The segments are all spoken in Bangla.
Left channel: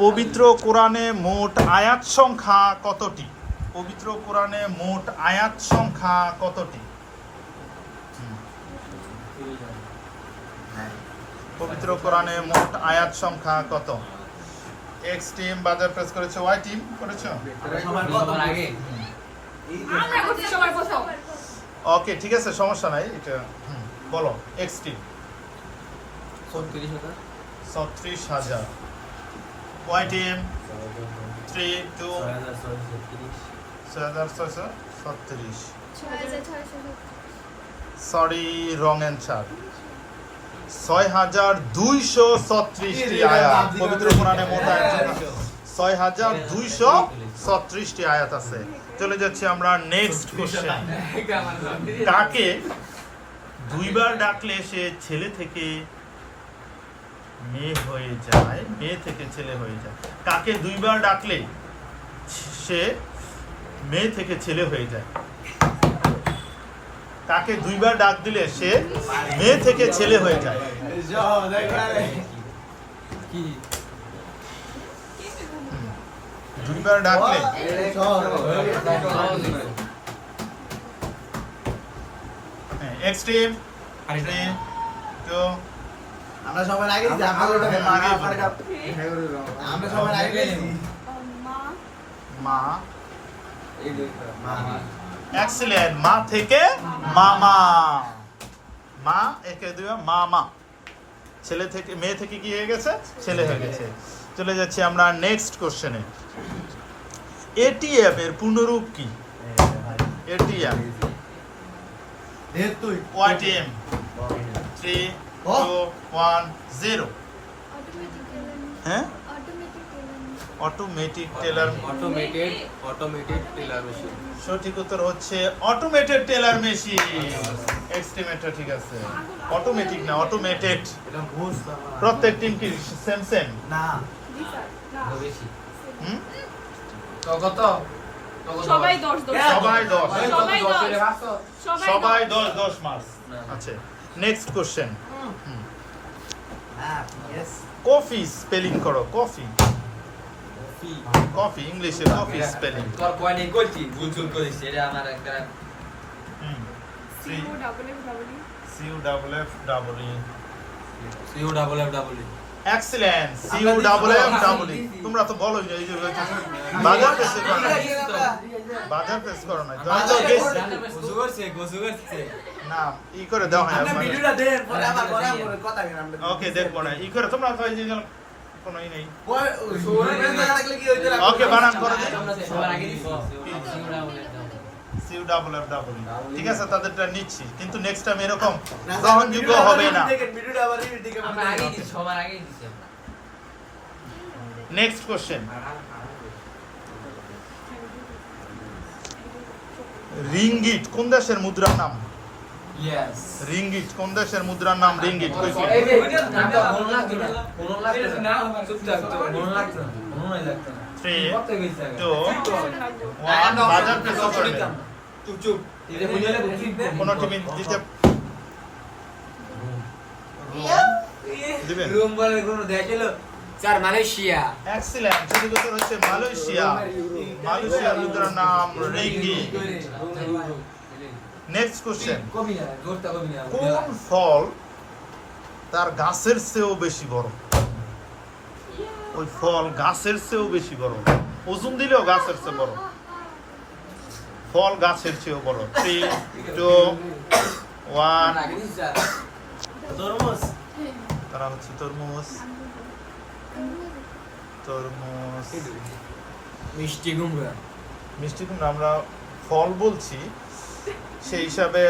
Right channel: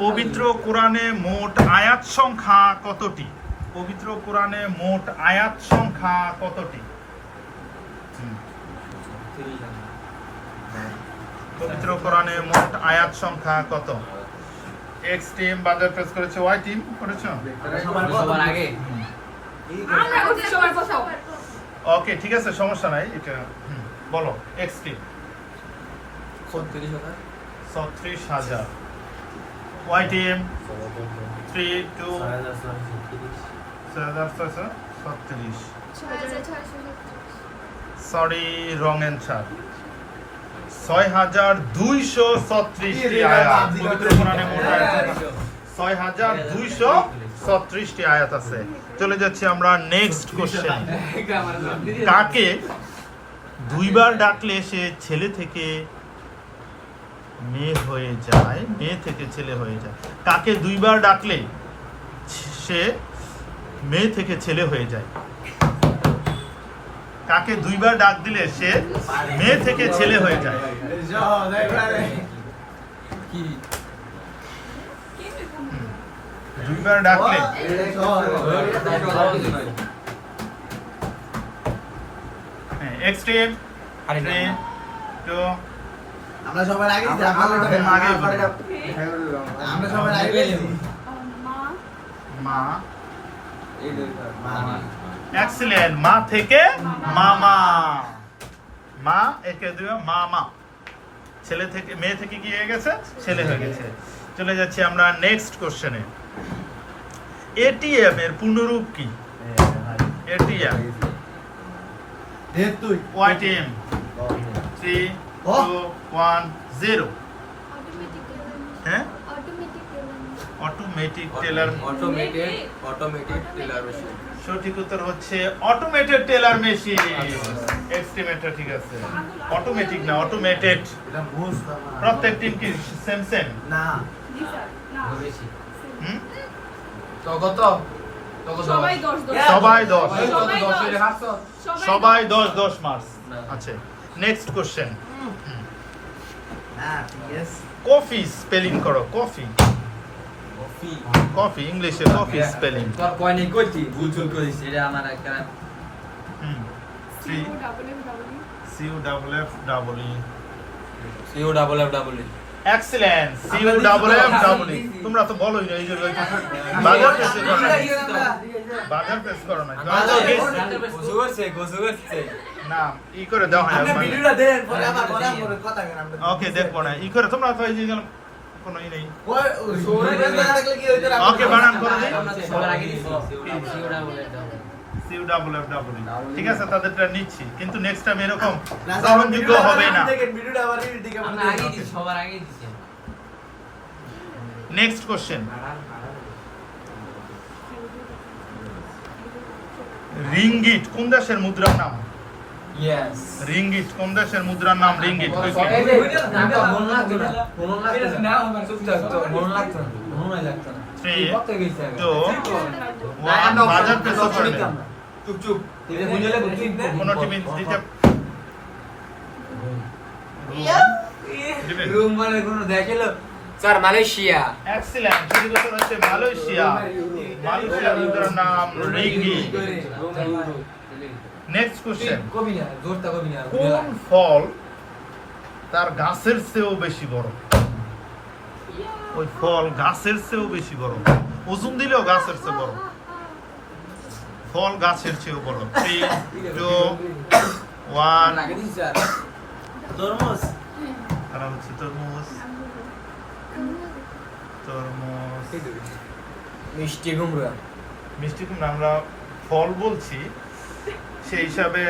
পবিত্র কোরআনে মোট আয়াত সংখ্যা কতটি? পবিত্র কোরআনে মোট আয়াত সংখ্যা কতটি? পবিত্র কোরআনে মোট আয়াত সংখ্যা কত? এক্স টিম বাজার প্রেস করেছে ওয়াই টিম করেছ? ওকে ঠিক আছে সমস্যা নাই এটা হুম, বলো এক্স টিম ছত্রিশ হাজার। ছত্রিশ হাজার। ওয়াই টিম থ্রি টু ছয় হাজার ছয়শো ছত্রিশ। সরি রং অ্যান্সার ছয় হাজার দুইশো ছত্রিশটি আয়াত। পবিত্র কোরআনে মোট আয়াত ছয় হাজার দুইশো ছত্রিশটি আয়াত আছে। চলে যাচ্ছি আমরা নেক্সট কোশ্চেন কাকে দুইবার ডাকলে সে ছেলে থেকে মেয়ে হয়ে যায়, মেয়ে থেকে ছেলে হয়ে যায় কাকে দুইবার ডাকলে সে মেয়ে থেকে ছেলে হয়ে যায় কাকে দুইবার ডাক দিলে সে মেয়ে থেকে ছেলে হয়ে যায় দুইবার ডাকলে এক্সট্রিম। থ্রি টু আমরা সবার আগে আমরা সবার আগে মা। মা। এক্সিলেন্ট মা। থেকে মামা। মা একে মামা। ছেলে থেকে মেয়ে থেকে কি হয়ে গেছে? ছেলে হয়ে গেছে। চলে যাচ্ছি আমরা নেক্সট কোশ্চেনে এটিএম এর পূর্ণরূপ কি? ATM. YTM three one zero হ্যাঁ automatic teller automated automated teller machine সঠিক উত্তর হচ্ছে অটোমেটেড টেলার মেশিন এক্সটিমেটর ঠিক আছে। অটোমেটিক না অটোমেটেড এটা প্রত্যেক টিম কি সেম সেম না। হুম? কত? সবাই দশ দশ। সবাই দশ। সবাই দশ। সবাই দশ দশ মার্কস। আচ্ছা। নেক্সট কোশ্চেন কফি স্পেলিং করো কফি কফি ইংলিশে কফি স্পেলিং তোর কয়নি করছি ভুল চুল করিস এটা আমার একটা হুম C U double F double E C U double F double E U double F double E excellent C U double F double E তোমরা তো বলোই না এই যে বাজার প্রেস করো না বাজার প্রেস করো না তোমরা তো গেছ- না ই করে দাও হয় ভিডিওটা দেন, পরে আবার কথা ওকে দেখব না ই করে তোমরা তো এই যে কোনো ই নেই? ওকে, বানান করে দিন। সবার আগে দিছি U double F double C double F double ঠিক আছে? তাদেরটা নিচ্ছি। কিন্তু নেক্সট টাইম এরকম গ্রহণযোগ্য হবে না। ভিডিওটা আবার দিকে আমরা আগে দিছি সবার আগে দিছি নেক্সট কোশ্চেন রিঙ্গিট কোন দেশের মুদ্রার নাম? রিঙ্গিট কোন দেশের মুদ্রার নাম রিঙ্গিট তো মন মন মন মন বাজার চুপ চুপ। এটা বুঝলে কোন দিতে রুম বলে কোনো দেখিলো? Sir Malaysia. এক্সিলেন্ট শুরু করতে হচ্ছে মালয়েশিয়া। মালয়েশিয়ার মুদ্রার নাম রিঙ্গিট নেক্সট কোশ্চেন কবি না জোরটা কবি না কোন ফল তার গাছের চেয়েও বেশি বড়? ওই ফল গাছের চেয়েও বেশি বড়। ওজন দিলেও গাছের চেয়ে বড়। ফল গাছের চেয়েও বড়। থ্রি টু ওয়ান তরমুজ। তারা হচ্ছে তরমুজ। তরমুজ। মিষ্টি কুমড়া। মিষ্টি কুমড়া আমরা ফল বলছি। সেই হিসাবে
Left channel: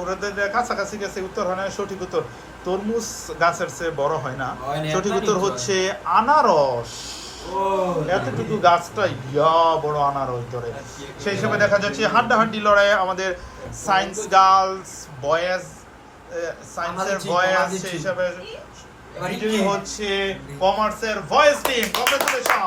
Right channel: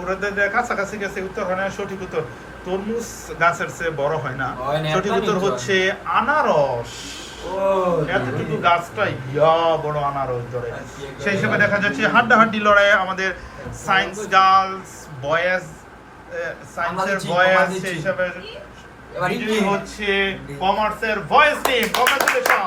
ওদের কাছাকাছি গেছে উত্তর হয় না সঠিক উত্তর। তরমুজ গাছের চেয়ে বড় হয় না। সঠিক উত্তর হচ্ছে আনারস। এতটুকু গাছটা ইয়া বড় আনারস ধরে সেই হিসেবে দেখা যাচ্ছে হাড্ডাহাড্ডি লড়াই আমাদের সায়েন্স গার্লস বয়েজ সায়েন্সের বয়েজ সেই। হিসাবে। হচ্ছে কমার্সের ভয়েস টিম কংগ্রেচুলেশন